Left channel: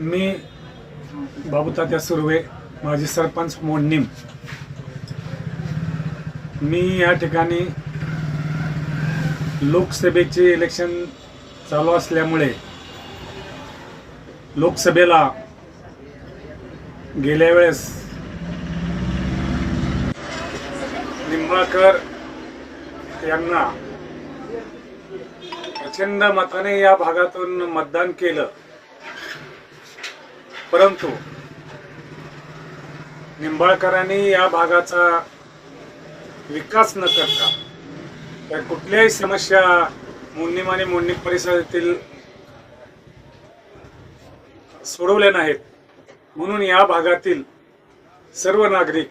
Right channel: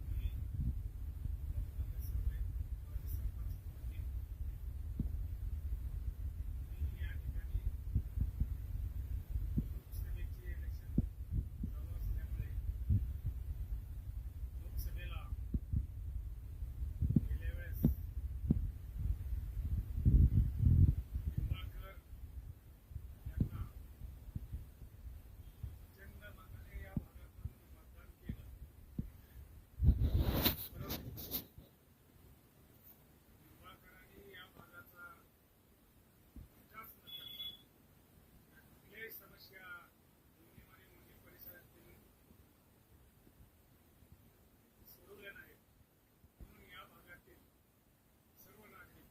मी बाबूतात्या सुर्वे माजी सरपंच मोडणीम मी या ठिकाणी लोकसभेचे इलेक्शन चालू असल्यामुळे लोकसभेला गेल्या वेळेस निंबाळकर यांना प्रचंड मताने या भागातून मतदान केलं. परंतु निंबाळकरांनी या भागाचा विकास न करता तर कुठल्याही समस्या मोडणीम आणि मोडणीम परिसरातील सोडवल्या नाहीत. म्हणून या भागातील सर्व नागरिक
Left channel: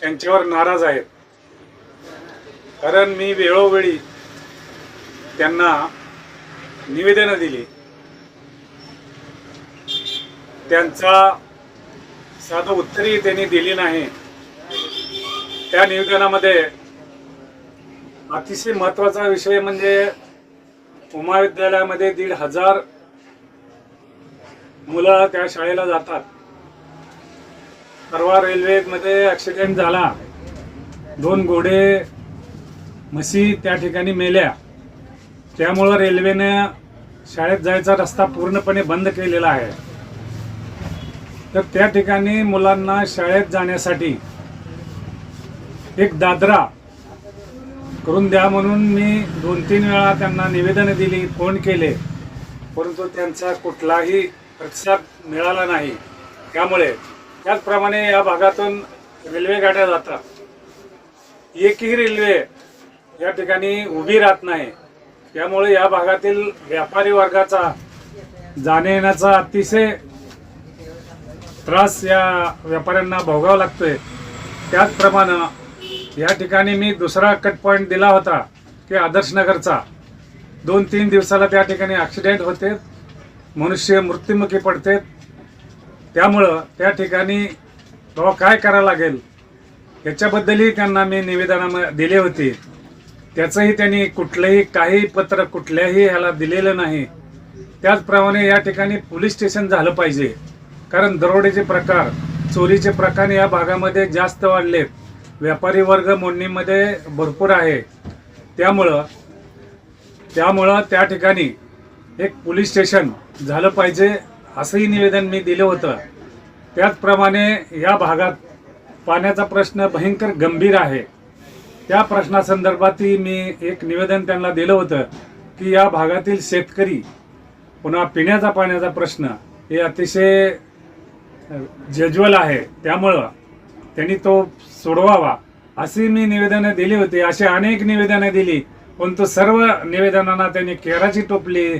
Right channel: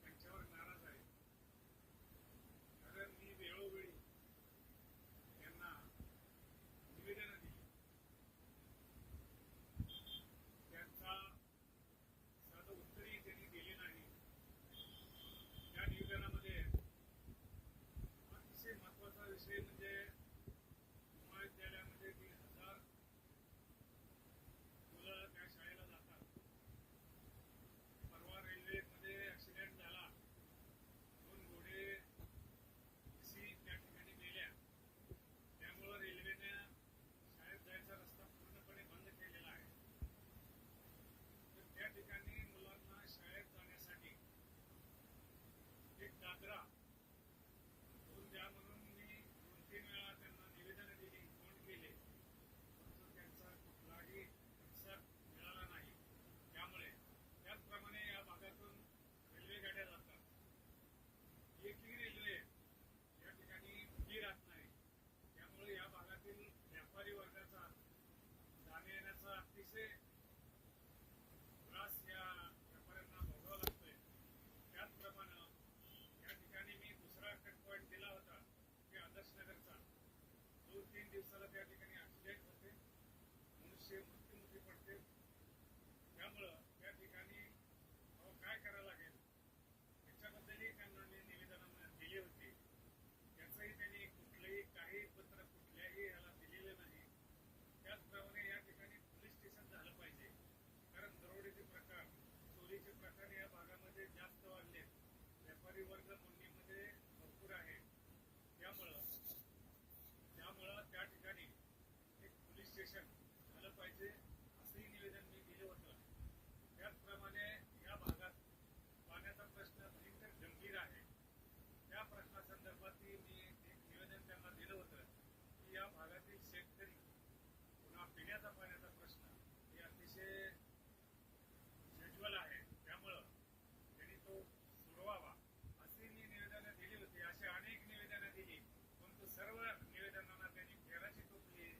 त्यांच्यावर नाराज आहेत. कारण मी वेळोवेळी त्यांना निवेदनं दिली. त्यांचा साधं उत्तरही त्यांनी दिली नाही. त्या निवेदनामध्ये अतिशय महत्त्वाचा विषय म्हणजे उमा विद्यालयामध्ये दीड हजार मुलं त्या शाळेला जातात. परवा रेल्वेमध्ये ॲक्सिडेंट झाला. दोन घोडे म्हशी त्या ठिकाणी मेल्या. त्यामुळं रेल्वेने शाळेत जायचा रस्ता पूर्णपणे बंद केलेला आहे. तर त्या ठिकाणी मुलांना शाळेत जाण्यासाठी एक दादरा करून द्या म्हणून मी दोन तीन वेळा त्यांना निवेदनं दिली फोन केले. परंतु त्यांचा कुठलाही प्रतिसाद मिळाला नाही. त्यामुळे त्याचप्रमाणे या भागातून रेल्वे गाड्या जातात. एकही रेल्वे या ठिकाणी उभी राहत नाही. त्यामुळे या भागातील व्यापारी वर्गाचा जाण्या येण्याचा अतिशय त्रास या व्यापाऱ्यांना भोगावा लागतोय. त्याचप्रमाणे या ठिकाणी मी दुसरा कट पॉईंट दिला होता की आदर्श नगरचा. दोन तीन दिवसाला त्या ठिकाणी ॲक्सिडेंट होते मनुष्य मृत्युमुखी पडते. त्यामुळं त्या ठिकाणी बाबा काय करावं लागेल? याच्याबद्दलही त्यांना मी निवेदना दिले होते. त्याचंही त्यांनी कुठलंही काही पत्र कुठल्याही ह्याला दिलेलं नाही. त्याचप्रमाणे या ठिकाणी पोलीस स्टेशन झालं पाहिजे. कारण दरोडेचे प्रकार चोरीचे प्रकार या भागामध्ये जास्त वाढलेत. व्यापारी वर्ग मोडणीमध्ये भरपूर आहे. त्यामुळं त्यामुळं त्या ठिकाणी एक पोलीस स्टेशन झालं पाहिजे असंही निवेदन मी दिलं होतं. त्याचप्रमाणे या भागात पाण्याचा प्रश्न भयंकर गंभीर आहे. त्या प्रश्नासंदर्भातही मी एक निवेदन त्यांना दिलं होतं की या भागातील शेतकरी पुन्हा पिण्याचा पाण्याचा प्रश्न हे अतिशय जज्वल आहे त्यामुळं त्यांनी तो सोडवावा. अशी मी निवेदनं दिली होती अशी अनेक निवेदनं दिली पण तो सर्व निवेदनांना त्यांनी केराची टोपली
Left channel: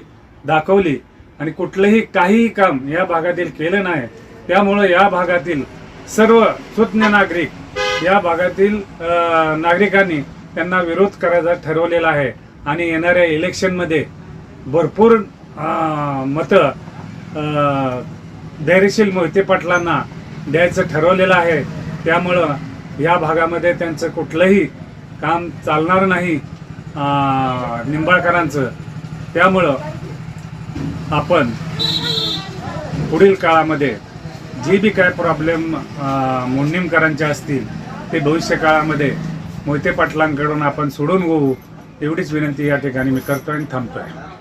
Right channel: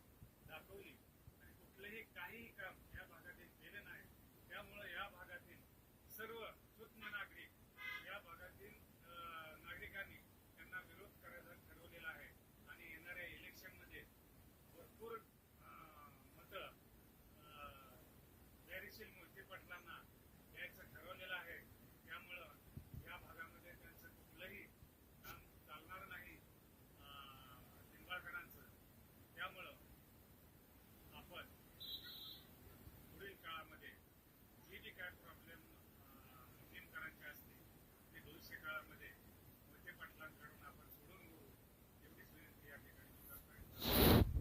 दाखवली आणि कुठलंही काहीही काम या भागातील केलं नाही. त्यामुळं या भागातील सर्व सुज्ञ नागरिक या भागातील नागरिकांनी त्यांना विरोध करायचा ठरवलेला आहे. आणि येणाऱ्या इलेक्शनमध्ये भरपूर मतं धैर्यशील मोहिते पाटलांना द्यायचं ठरवलेलं आहे. त्यामुळं या भागामध्ये त्यांचं कुठलंही काम चालणार नाही निंबाळकरांचं. त्यामुळं आपण पुढील काळामध्ये जे बी काय प्रॉब्लेम मोडणीमकरांचे असतील ते भविष्य काळामध्ये मोहिते पाटलांकडून आपण सोडून घेऊ एवढीच विनंती या ठिकाणी मी करतो आणि थांबतो आहे